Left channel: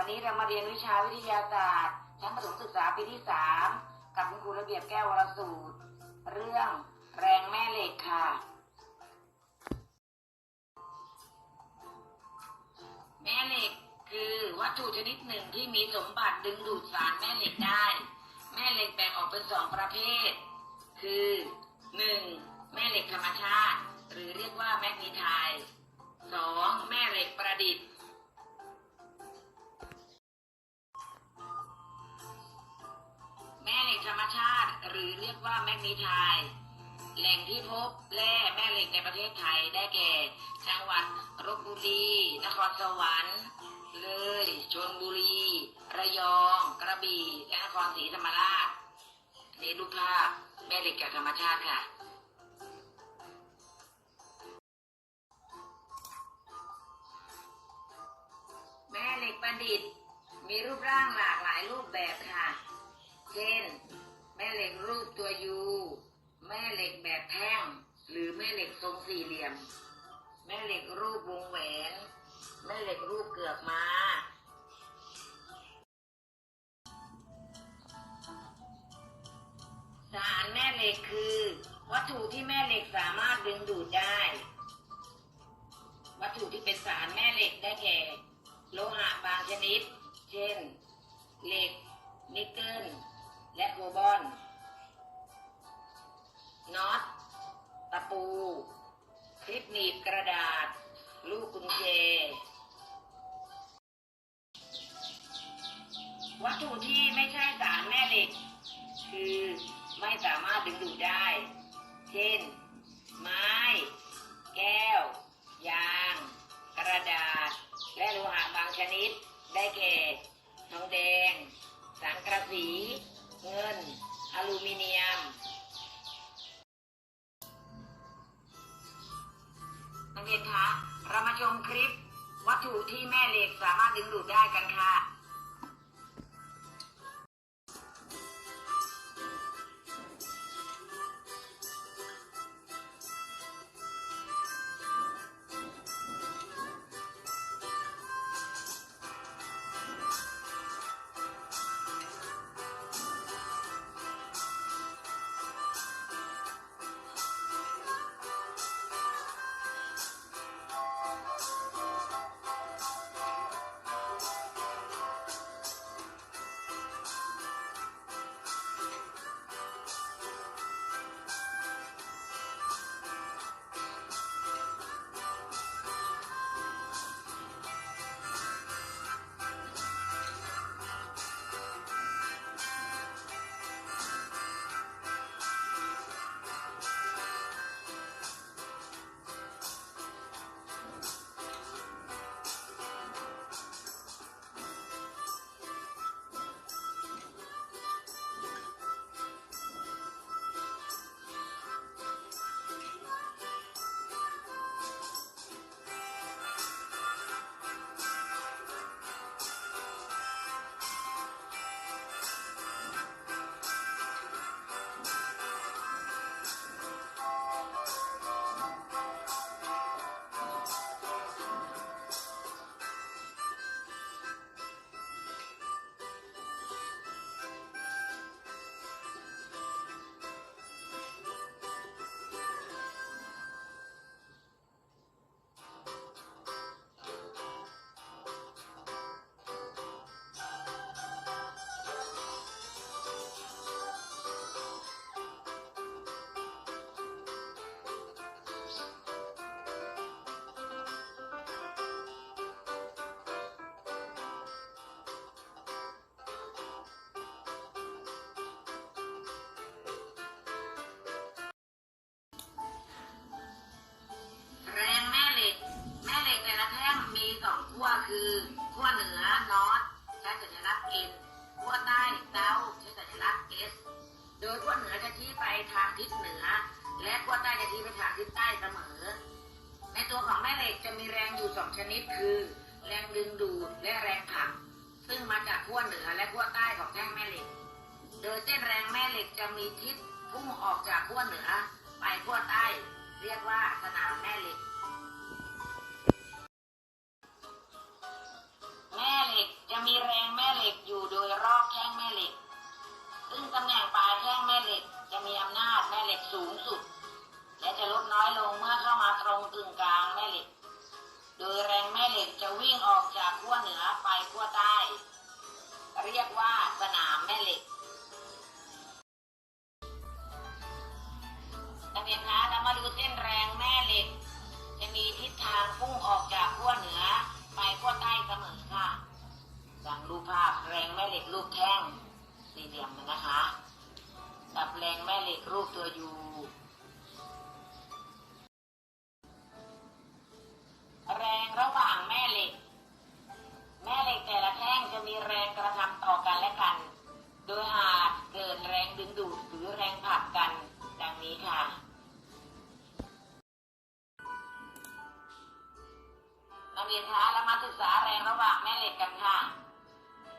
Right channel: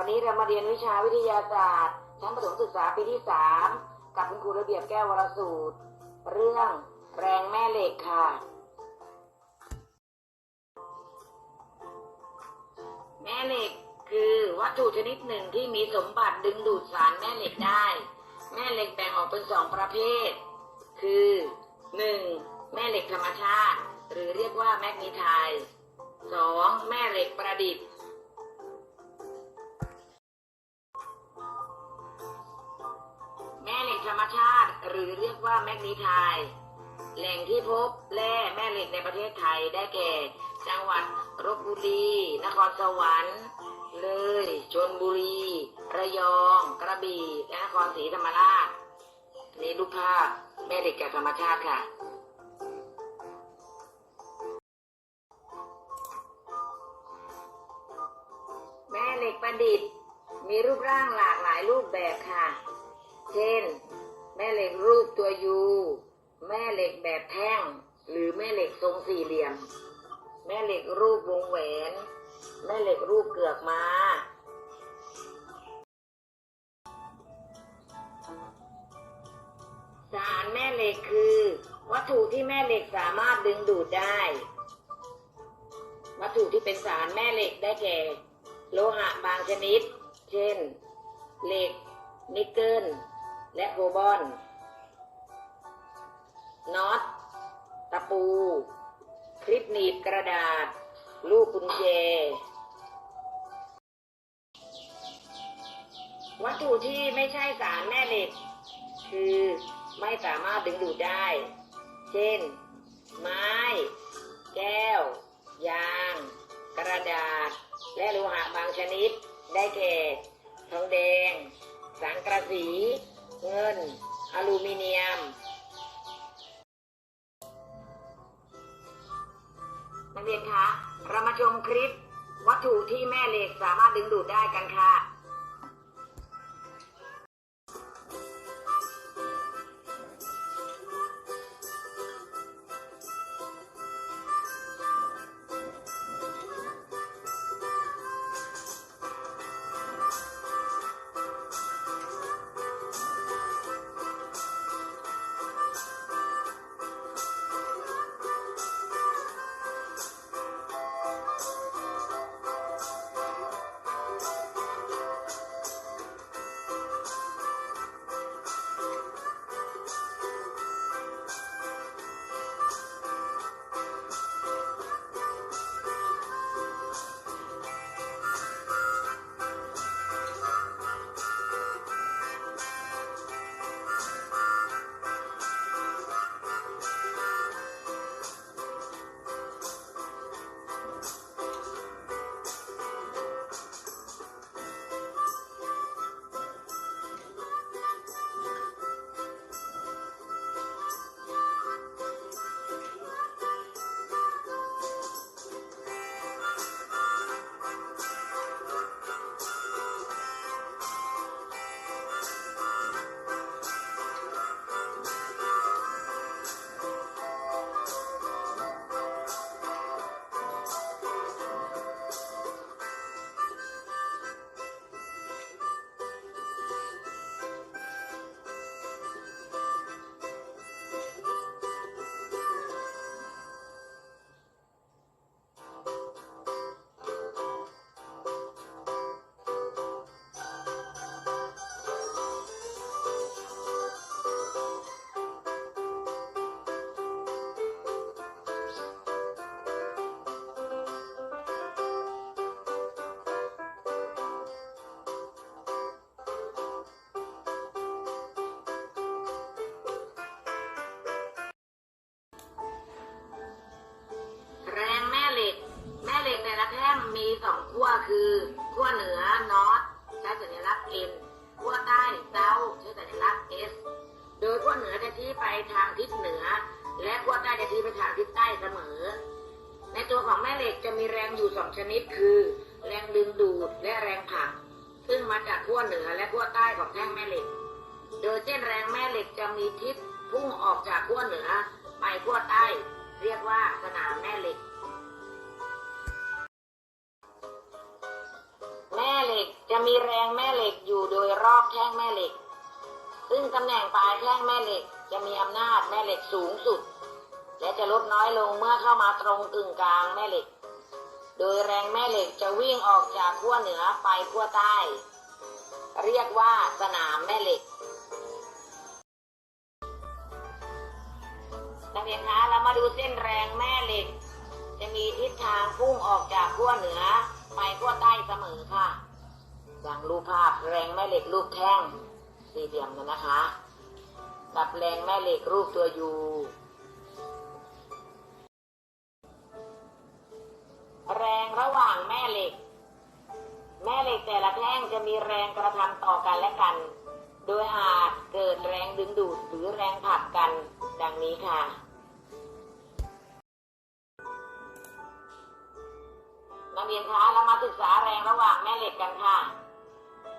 ันวันนี้เรามาเรียนวิชาวิทยาศาสตร์ ชั้นประถมศึกษาปีที่สามกับคุณครูระเบียบแก้ววรสูตร เรื่องแรงแม่เหล็กค่ะ แม่เหล็กคือวัตถุชนิดหนึ่งที่มีสมบัติดึงดูดสารแม่เหล็กได้ แม่เหล็กแบ่งออกเป็นสองประเภท คือหนึ่งแม่เหล็กธรรมชาติ หรือเรียกว่าแมกนีไทสองแม่เหล็กประดิษฐ์ ธรรมชาติ หรือเรียกว่าแมกนีไทด์แหล่งที่พบแร่แม่เหล็กในประเทศไทยได้แก่ จังหวัดลบบุรี นครสวรรค์ เลยชนบุรี ระยอง กระบี่และนครศรีธรรมราชนี่รูปภาพแม่เหล็กจากธรรมชาติค่ะแม่เหล็กประดิษฐ์ มีรูปร่างหลากหลายรูปแบบค่ะ เช่น ม่เหล็กรูปตัวยูแม่เหล็กแบบแท่ง หรือแม่เหล็กทรงสี่เหลี่ยม แม่เหล็กรูปวงแหวน แม่เหล็กรูปเกือกม้า สารแม่เหล็กคือ วัตถุที่แม่เหล็กสามารถดึงดูดได้ วัตถุที่เป็นสารแม่เหล็กได้แก่ โลหะบางชนิด เช่น เหล็ก นิกเกิล และโคบอลน็อตตะปู คลิปหนีบกระดาษ ลูกกุญแจ วัตถุที่ไม่ใช่สารแม่เหล็ก คือไม่สามารถดึงดูดได้ เช่น ไม้ แก้ว ยาง กระดาษ และโลหะบางชนิด ได้แก่ ทองแดง สังกระสี เงิน อลูมิเนียม นักเรียนคะ เรามาชมคลิป วัตถุที่แม่เหล็กสามารถดึงดูดได้กันค่ะ คือขั้วเหนือนอตใช้สัญลักษณ์ N ขั้วใต้เซาใช้สัญลักษณ์ S โดยขั้วเหนือจะชี้ไปทางทิศเหนือ และขั้วใต้จะชี้ไปทางทิศใต้เสมอ ในตัวของแม่เหล็กจะมีแรงอยู่สองชนิดคือ แรงดึงดูดและแรงผลักซึ่งมาจากขั้วเหนือและขั้วใต้ของแท่งแม่เหล็ก โดยเส้นแรงแม่เหล็กจะมีทิศพุ่งออกจากขั้วเหนือ ไปขั้วใต้ เรียกว่าสนามแม่เหล็ก มีแรงแม่เหล็กอยู่โดยรอบแท่งแม่เหล็ก ซึ่งตำแหน่งปลายแท่งแม่เหล็ก จะมีอำนาจแม่เหล็กสูงสุด และจะลดน้อยลงเมื่อเข้ามาตรงกึ่งกลางแม่เหล็ก โดยแรงแม่เหล็กจะวิ่งออกจากขั้วเหนือไปขั้วใต้ เรียกว่าสนามแม่เหล็กนักเรียนคะเรามาดูเส้นแรงแม่เหล็ก จะมีทิศทางพุ่งออกจากขั้วเหนือไปขั้วใต้เสมอค่ะ อย่างรูปภาพแรงแม่เหล็กรูปแท่งสี่เหลี่ยมกันนะคะ กับแรงแม่เหล็กรูปตัวยู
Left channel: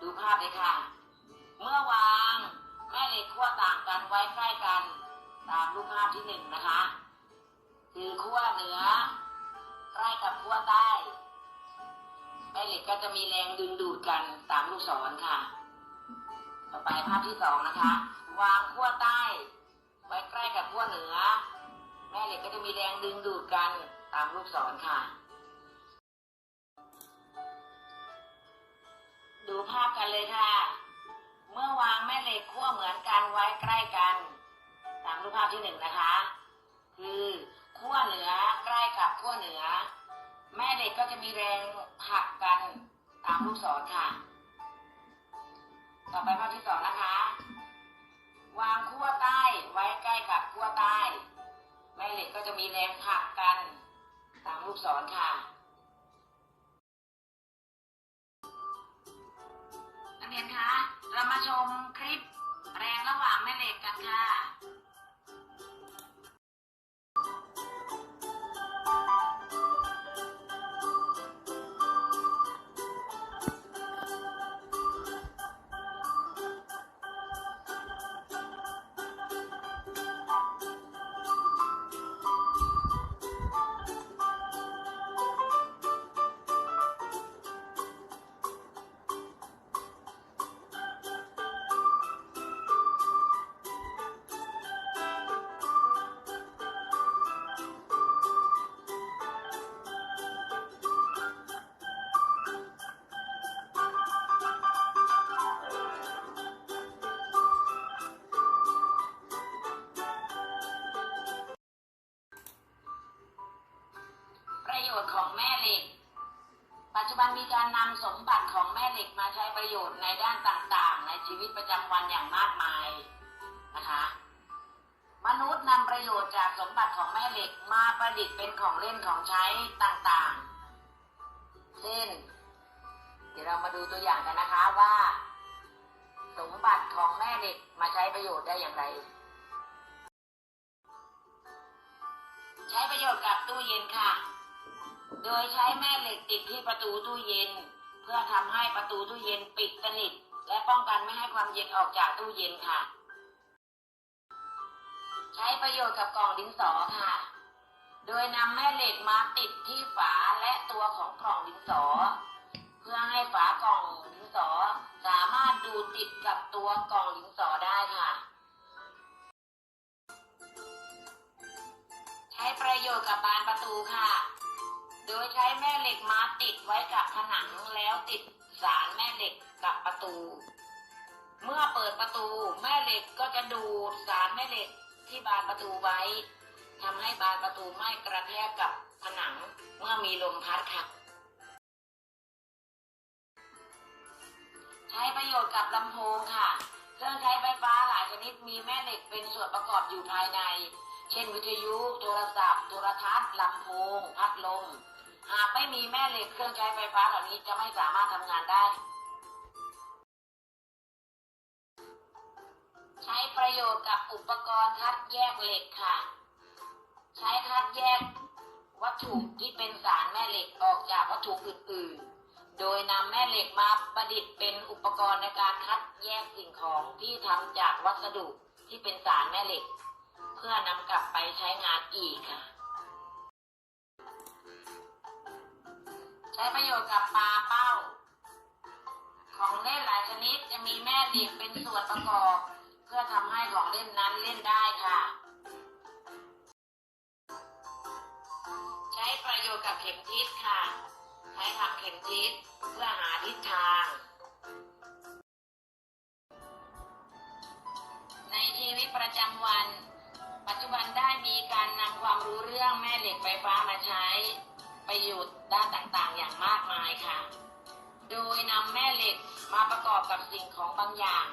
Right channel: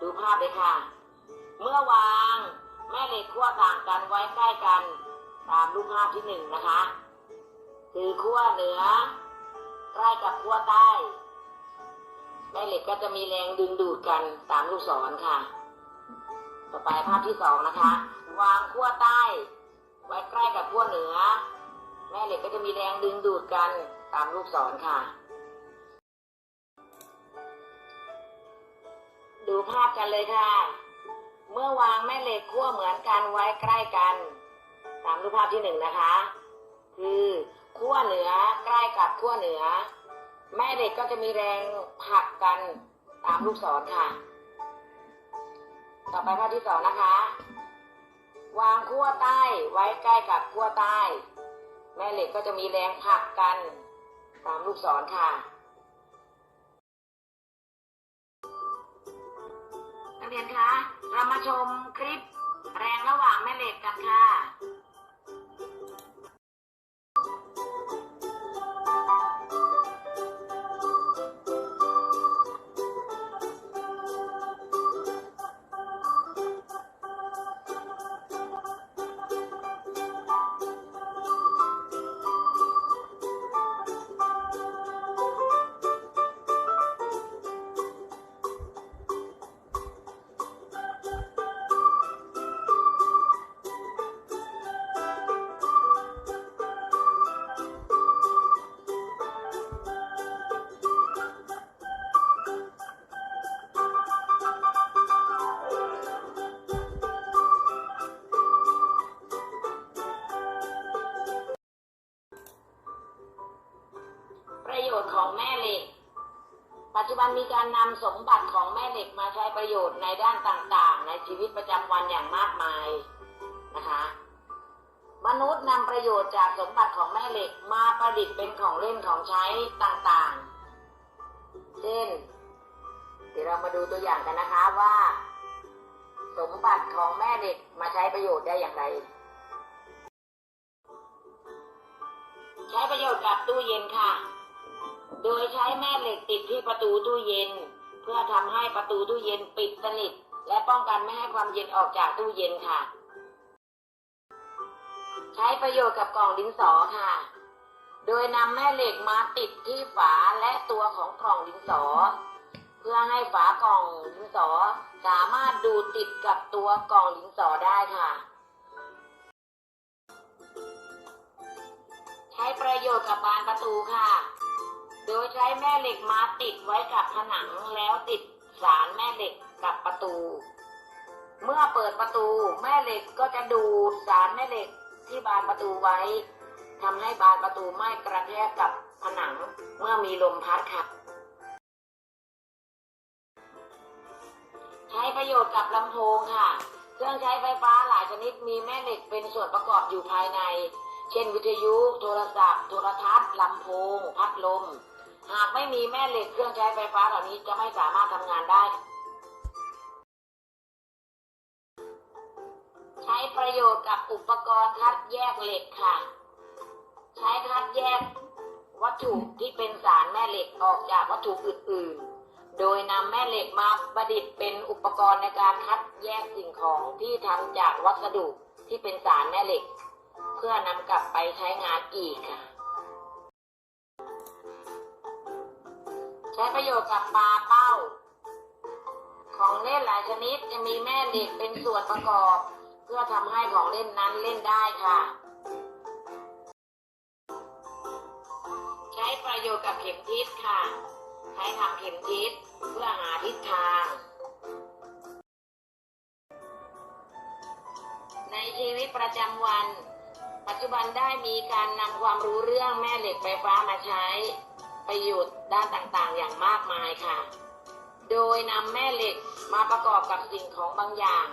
ดูภาพเลยค่ะ เมื่อวางแม่เหล็กขั้วต่างกันไว้ใกล้กันตามรูปภาพที่หนึ่งนะคะ คือขั้วเหนือใกล้กับขั้วใต้ แม่เหล็กก็จะมีแรงดึงดูดกันตามลูกศรค่ะ ต่อไปภาพที่สองนะคะ วางขั้วใต้ ไว้ใกล้กับขั้วเหนือ แม่เหล็กก็จะมีแรงดึงดูดกันตามลูกศรค่ะ ดูภาพกันเลยค่ะ เมื่อวางแม่เหล็กขั้วเหมือนกันไว้ใกล้กัน ตามรูปภาพที่หนึ่งนะคะ คือขั้วเหนือใกล้กับขั้วเหนือ แม่เหล็กก็จะมีแรงผลักกันตามลูกศรค่ะ ต่อไปภาพที่สองนะคะ วางขั้วใต้ไว้ใกล้กับขั้วใต้ แม่เหล็กก็จะมีแรงผลักกัน ตามลูกศรค่ะ เรียนคะ เรามาชมคลิปแรงระหว่างแม่เหล็กกันค่ะประ จุบันมีการนำสมบัติของแม่เหล็กมาใช้ประโยชน์ในด้านต่างๆ ในชีวิตประจำวันอย่างมากมายนะคะ มนุษย์นำประโยชน์จากสมบัติของแม่เหล็กมาประดิษฐ์เป็นของเล่นของใช้ต่างๆ เช่น เดี๋ยวเรามาดูตัวอย่างกันนะคะว่า สมบัติของแม่เหล็กมาใช้ประโยชน์ได้อย่างไร ใช้ประโยชน์กับตู้เย็นค่ะ โดยใช้แม่เหล็กติดที่ประตูตู้เย็น เพื่อทำให้ประตูตู้เย็นปิดสนิท และป้องกันไม่ให้ความเย็นออกจากตู้เย็นค่ะ ใช้ประโยชน์กับกล่องดินสอค่ะ โดยนำแม่เหล็กมาติดที่ฝาและตัวของกล่องดินสอ เพื่อให้ฝากล่องดินสอสามารถดูดติดกับตัวกล่องดินสอได้ค่ะใช้ประโยชน์กับบานประตูค่ะ โดยใช้แม่เหล็กมาติดไว้กับผนังแล้วติดสารแม่เหล็กกับประตู เมื่อเปิดประตูแม่เหล็กก็จะดูดสารแม่เหล็กที่บานประตูไว้ทำให้บานประตูไม่กระแทกกับผนังเมื่อมีลมพัดค่ะ ใช้ประโยชน์กับลำโพงค่ะ เครื่องใช้ไฟฟ้าหลายชนิดมีแม่เหล็กเป็นส่วนประกอบอยู่ภายใน เช่นวิทยุ โทรศัพท์ โทรทัศน์ลำโพง พัดลม หากไม่มีแม่เหล็กเครื่องใช้ไฟฟ้าเหล่านี้จะไม่สามารถทำงานได้ ใช้ประโยชน์กับอุปกรณ์คัดแยกเหล็กค่ะ ใช้คัดแยกวัตถุที่เป็นสารแม่เหล็กออกจากวัตถุอื่น ๆ โดยนำแม่เหล็กมาประดิษฐ์เป็นอุปกรณ์ในการคัดแยกสิ่งของที่ทำจากวัสดุที่เป็นสารแม่เหล็ก เพื่อนำกลับไปใช้งานอีกค่ะ ใช้ประโยชน์กับปลาเป้า ของเล่นหลายชนิดจะมีแม่เหล็กเป็นส่วนประกอบ เพื่อทำให้ของเล่นนั้นเล่นได้ค่ะ ใช้ประโยชน์กับเข็มทิศค่ะ ใช้ทำเข็มทิศเพื่อหาทิศทาง ในชีวิตประจำวัน ปัจจุบันได้มีการนำความรู้เรื่องแม่เหล็กไฟฟ้ามาใช้ประโยชน์ด้านต่างๆอย่างมากมายค่ะ โดยนำแม่เหล็กมาประกอบกับสิ่งของบางอย่าง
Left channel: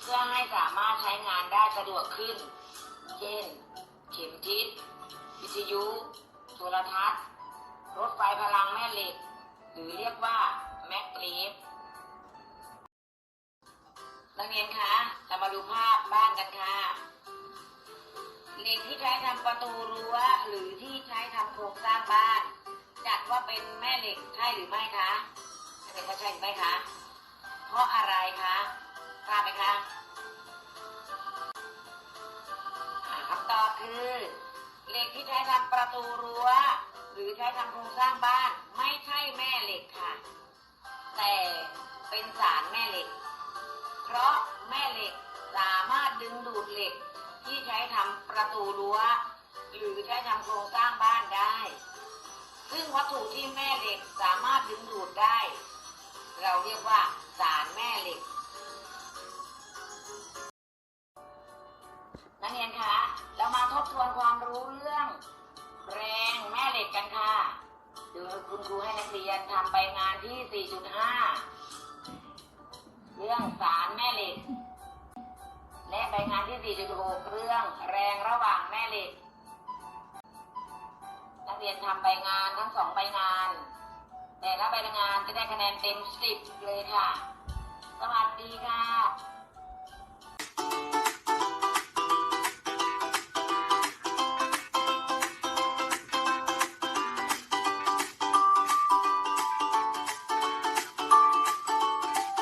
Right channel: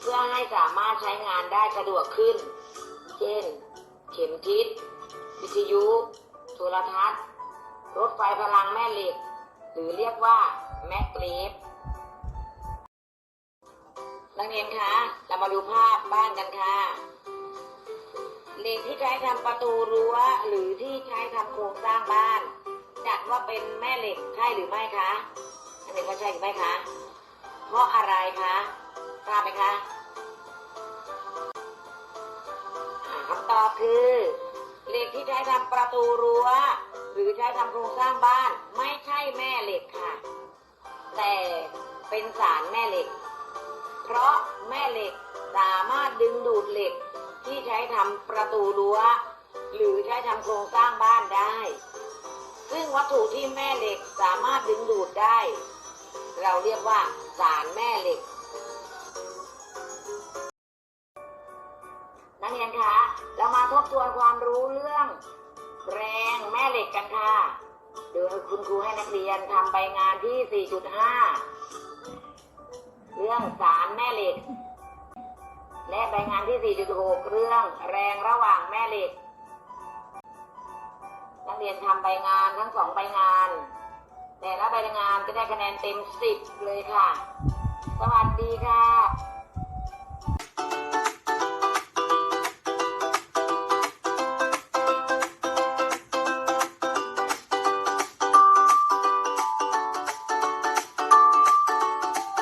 เพื่อให้สามารถใช้งานได้สะดวกขึ้น เช่น เข็มทิศ วิทยุ โทรทัศน์ รถไฟพลังแม่เหล็ก หรือเรียกว่าแมกเลฟนักเรียนคะ เรามาดูภาพบ้านกันค่ะเหล็กที่ใช้ทำประตูรั้วหรือที่ใช้ทำโครงสร้างบ้าน จัดว่าเป็นแม่เหล็กใช่หรือไม่คะอันนี้ว่าใช่หรือไม่คะ เพราะอะไรคะทราบไหมคะคำตอบคือเหล็กที่ใช้ทำประตูรั้ว หรือใช้ทำโครงสร้างบ้าน ไม่ใช่แม่เหล็กค่ะ แต่เป็นสารแม่เหล็ก เพราะแม่เหล็กสามารถดึงดูดเหล็กที่ใช้ทำประตูรั้ว หรือใช้ทำโครงสร้างบ้านได้ ซึ่งวัตถุที่แม่เหล็กสามารถดึงดูดได้ เราเรียกว่าสารแม่เหล็ก นักเรียนคะ เรามาทบทวนความรู้เรื่อง แรงแม่เหล็กกันค่ะโดยคุณครูให้นักเรียนทำใบงานที่ 4.5 เรื่องสารแม่เหล็ก และใบงานที่ 4.6 เรื่องแรงระหว่างแม่เหล็ก รียนทำใบงานทั้งสองใบงาน แต่ละใบงานจะได้คะแนนเต็มสิบเลยค่ะ สวัสดีค่ะ